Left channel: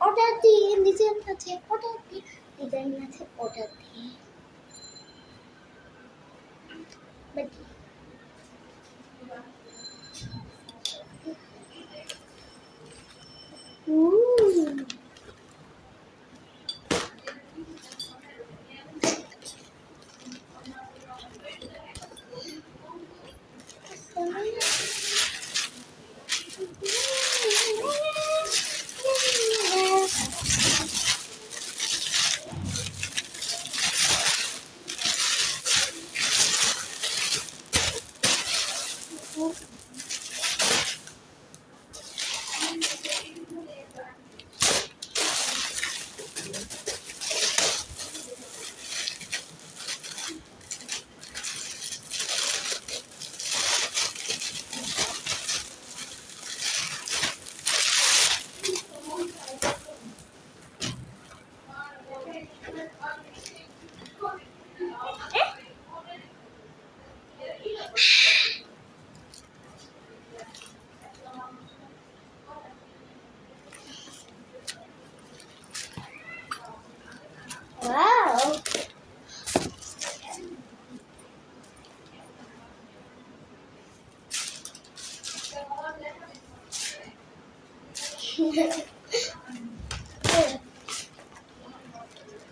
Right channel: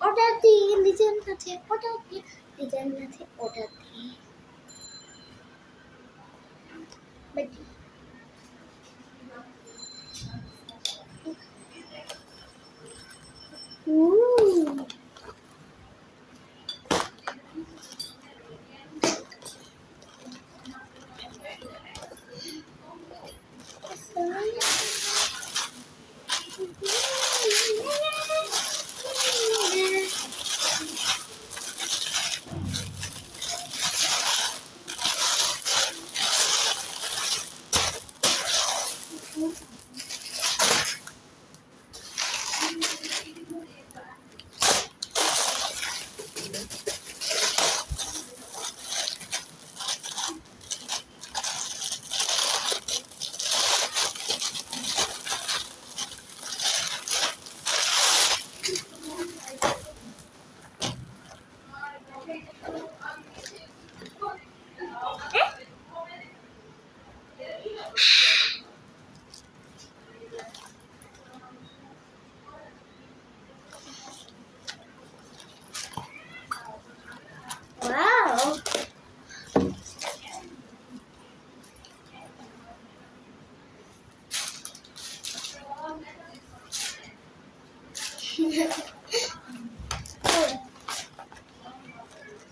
অর্ডার দিয়ে নিজের কাছে অর্ডার দিয়ে নিজের কাছে অর্ডার দিয়ে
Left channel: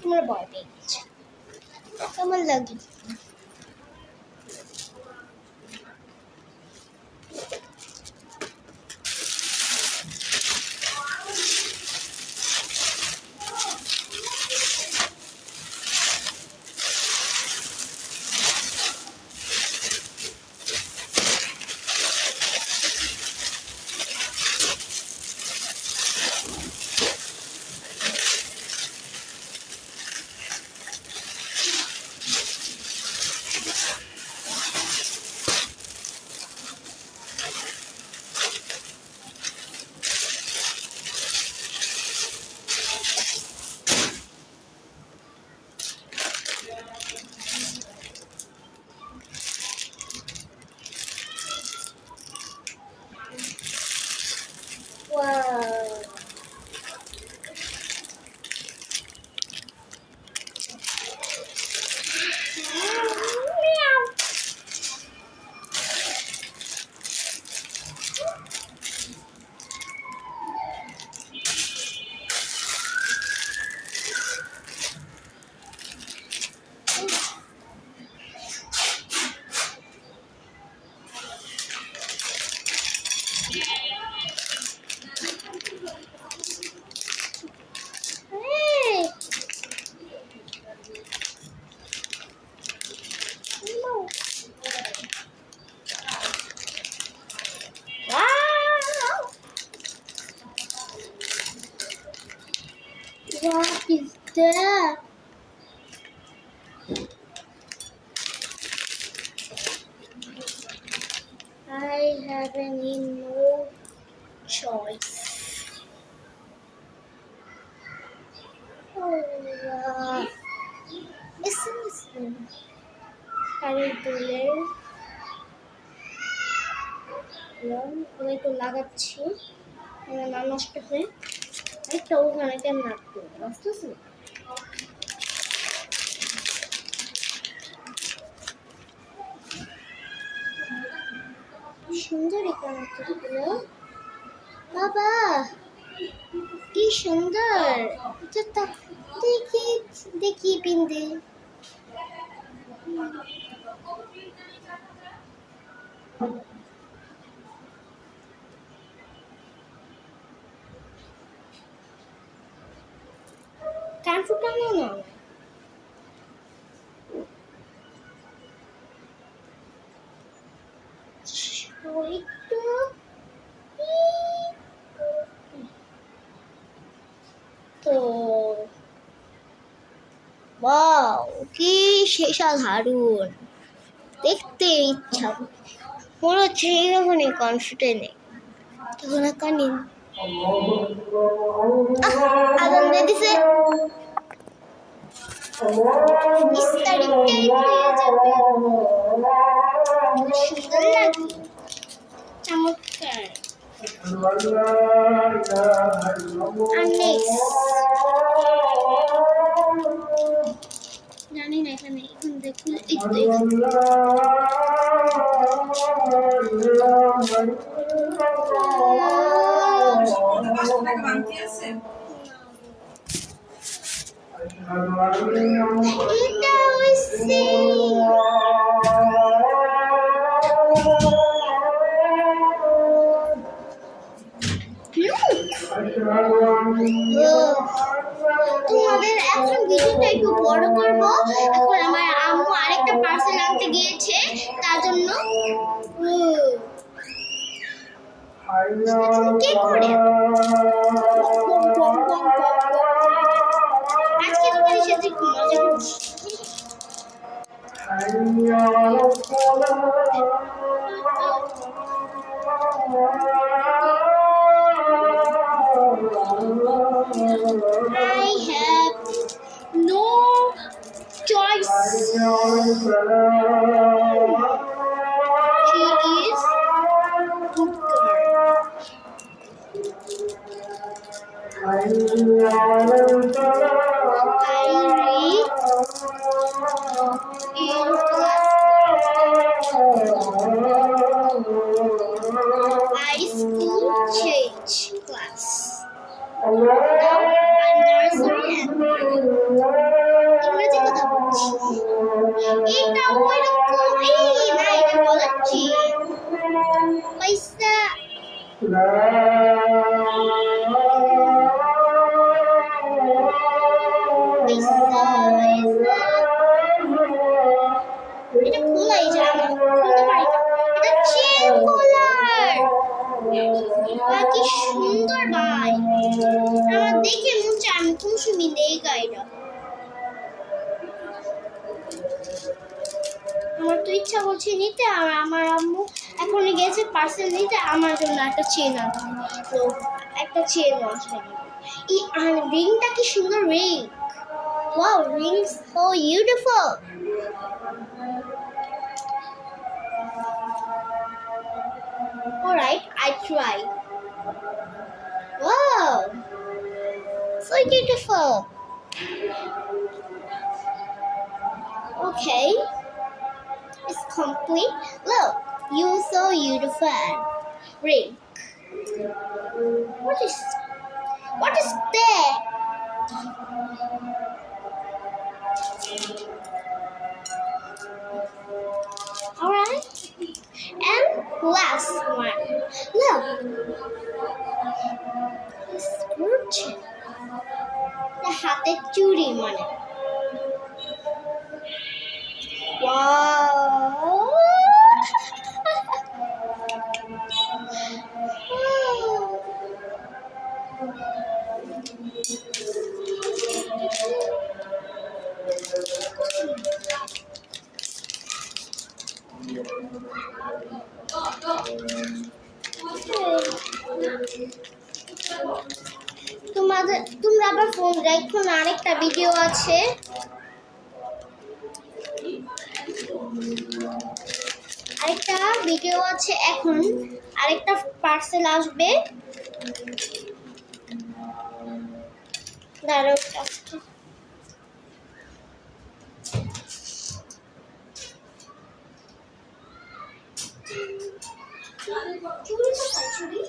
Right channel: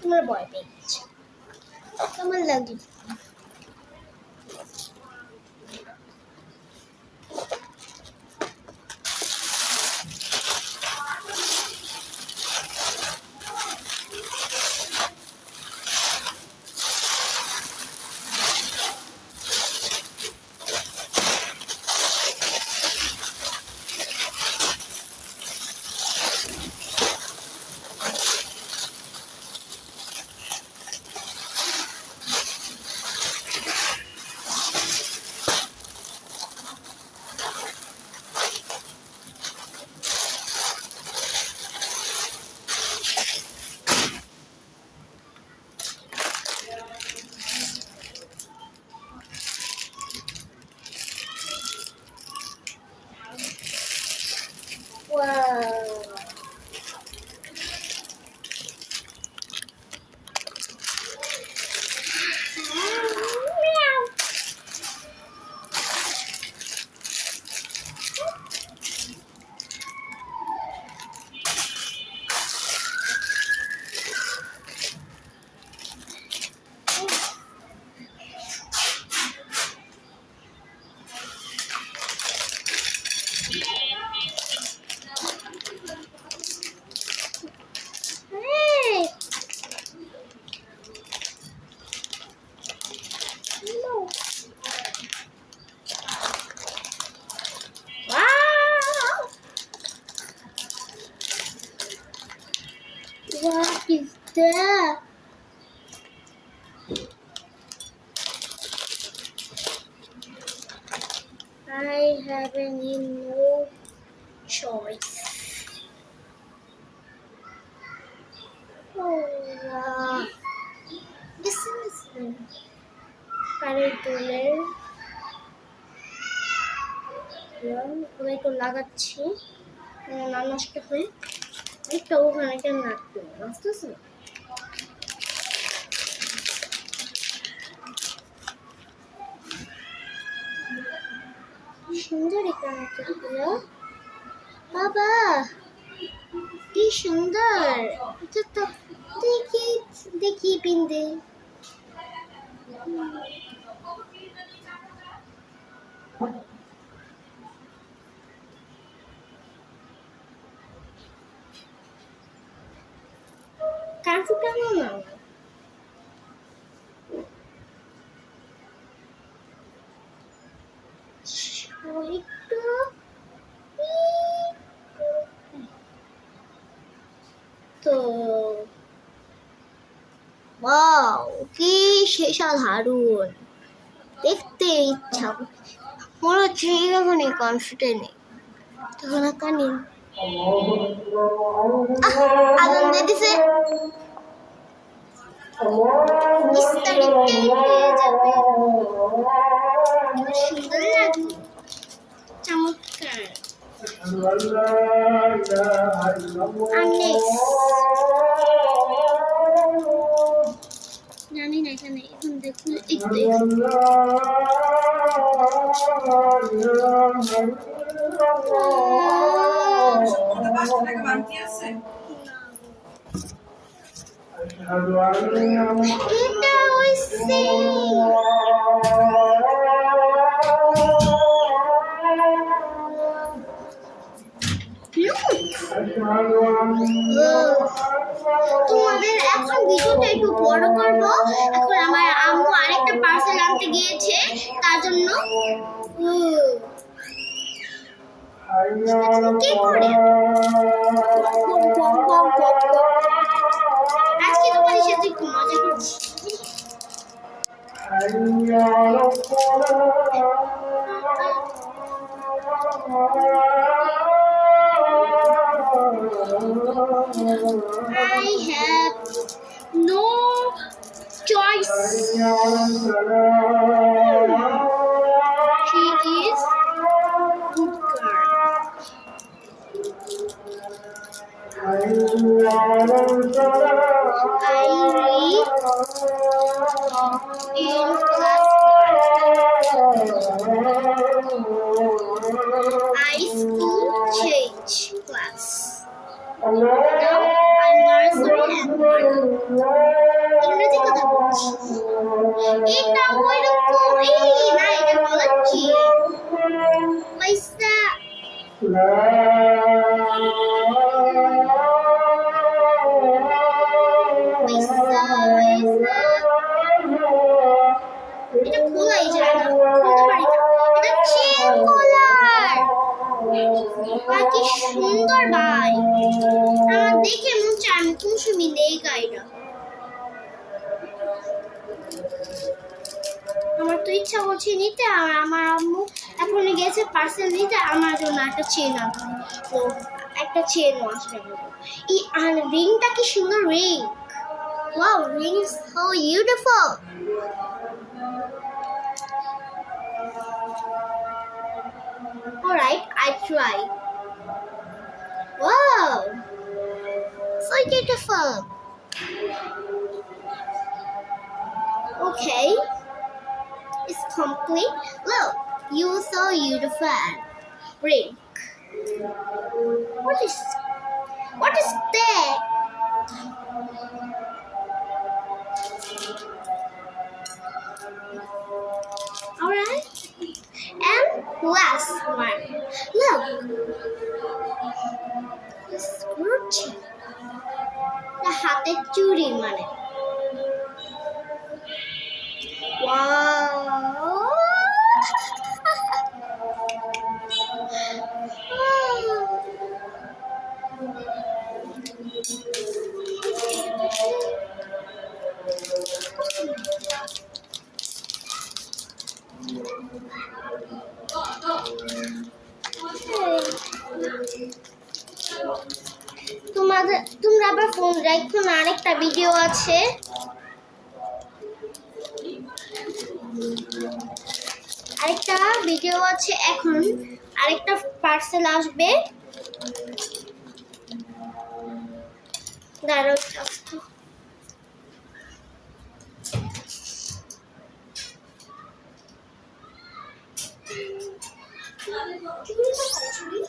তোমার ভয় পেয়ে গেছে কেমন লাগে What is that? I have no choice. Oh, wow. Listen. কারের দোলের আমি একটু লাগাচ্ছি না নষ্ট হয়ে একটা ওখানে কেন রাখতে নষ্ট হচ্ছে না সুন্দর এখানে বাবা কি সুন্দর দেখি দেখি পিন্দে কান ফুটানো না একটু তো ওয়াও কি সাধারণ দেখতে ইচ্ছা মনে হচ্ছে এরকম কনফিডেন্ট নেই তখন কানি আগুন দিয়ে দিছে সুন্দর লাগে চমৎকার জানি না এখানে এখন দেখুন তোমাদের এখন ভিডিওটা একটু বড় করব এখন আমার আম্মু আরেকটা পার্সেল আনতে গিয়েছে তার জন্য কে করে আজকে তোমাদের সাথে একটু মজা করছি I have no choice. She is good girl. I read in class. I school change class. Now I'm nursery and ইংরেজি কথা বলছি এটা ওইরকম এই না এটা বলছি পয়সা এটা খোলাই যায় না খুলতে পারি না এটা চেন কলার কি সুন্দর ভাই আমার দেখে মন চায় আমি কোন সময় নেই গাইটা আমার তো ইচ্ছা করছে নিতে আর আমার আম্মু এখন গেছে পার্সেল নিতে আমার জন্য একটা চেন আনতে তো একটা চেন আসবে এই আর রিংটা কি সুন্দর ring wow ring so beautiful Alright, I try. Wow, so beautiful. Okay, it's complete. Look, you so beautiful. Ring. What is that? Alright. And last one. Look. It's gorgeous. The হাতের চুড়ি মানে. Wow. তোমরা আবার ফোন রাখো না, আরেকটা ভিডিও আছে। এখন আরেকটা পার্সেল আসবে। দাঁড়াও একটু। চুড়ি কোথায় চুড়ি?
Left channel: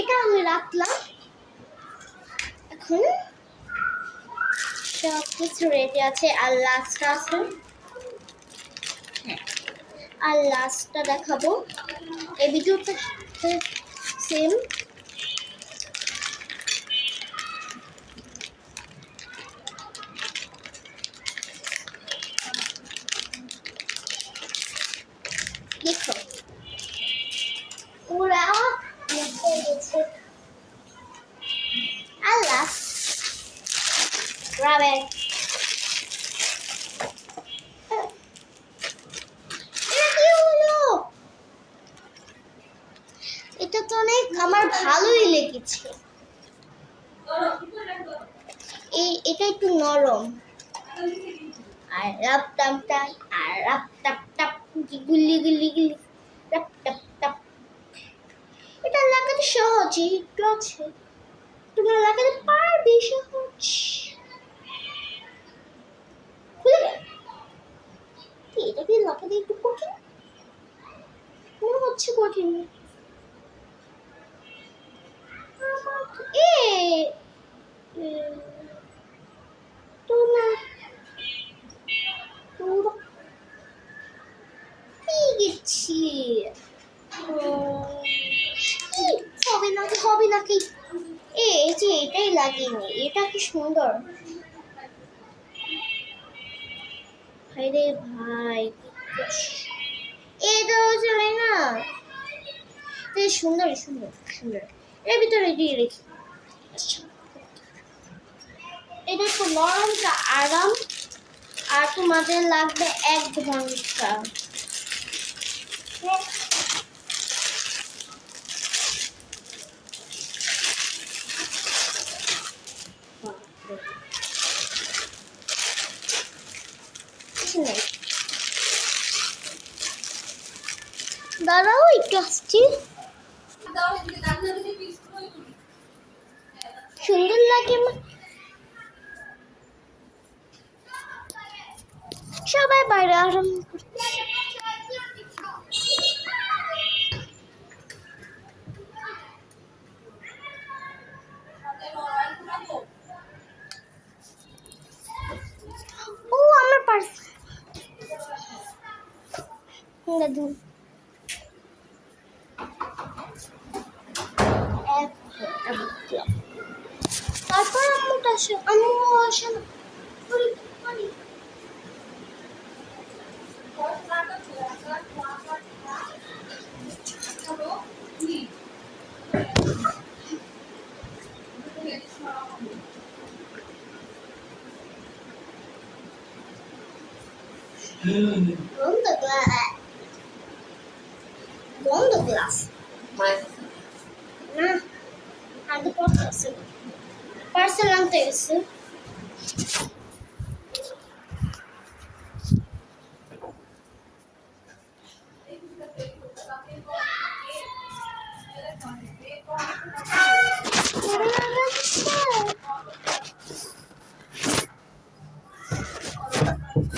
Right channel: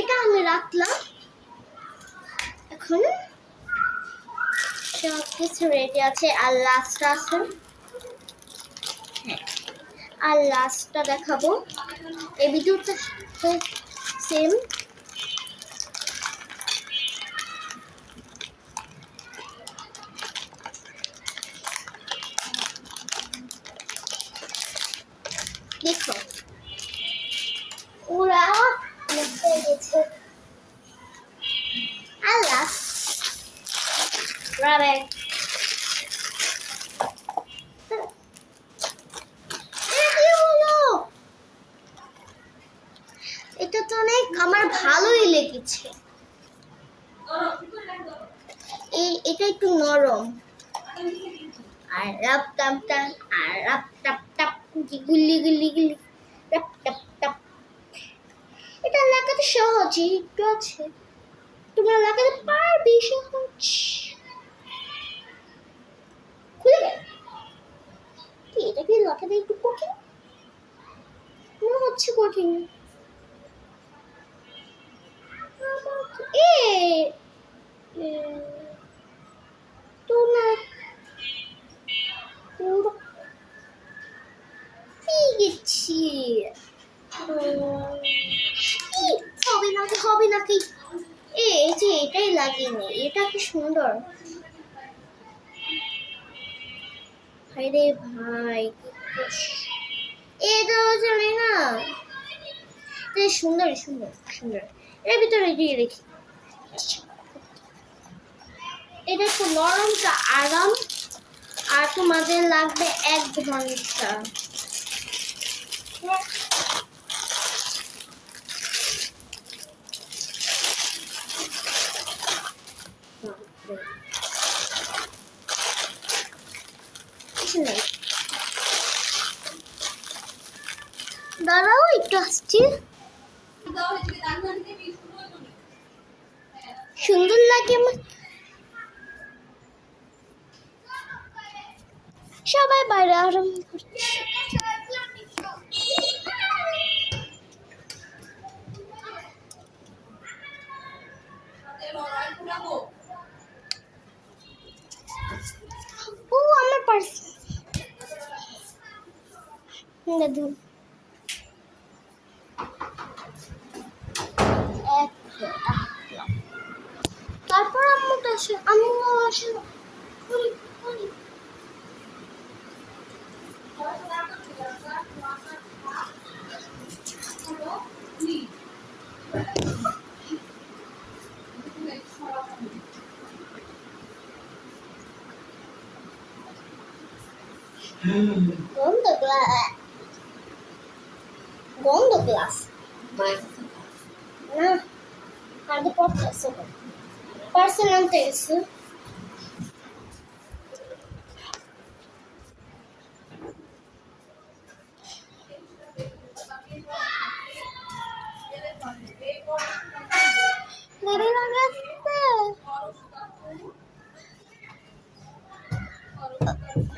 এটা আমি রাখলাম। এখন সব কিছু রেডি আছে, আর লাস্টটা আছে। হ্যাঁ, আর লাস্টটা দেখাবো। এই ভিডিওটা সেম। দেখো ওরা হয়ে গেছে। আল্লাহ রাবে এটা তো অনেক আমার ভালোই লেগেছে। এটা একটু নরম, আর রাপ টাপ টাপ, আর রাপ টাপ টাপ, গুলি গুলি গুলি, রাপ টাপ টাপ। এটা লাগাতে সহজ, একটু আছে, তোমরা লাগাতে পারবে, সহজ। খুলে গেল। এটা কি লাগাতে একটু কঠিন মনে হচ্ছে? কঠিন তো না, গেছি হবে নাকি? এই যে এটাই লাগেনি, এটা কি সুন্দর। ভাই রে ভাই, এটা চলে না। সুন্দর সুন্দর সুন্দর, এর ভিতরে দিয়ে রেখি। এটা একটু নরমটা আরাম, আর তোমাদের লাগবে 1 ঘন্টা। দাঁড়াও একটু আসছি। সুন্দর লাগে, সবাই বাইরে আরাম করছে। ও আমার পার্স, দাদু তারপর আম্মুটা আসে, আম্মু আসে না। গন্ধ গ্লাস না, আগে পড়তে আছে, পার্সেল আনতে গেছে।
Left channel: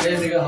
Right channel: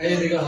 এই দিকে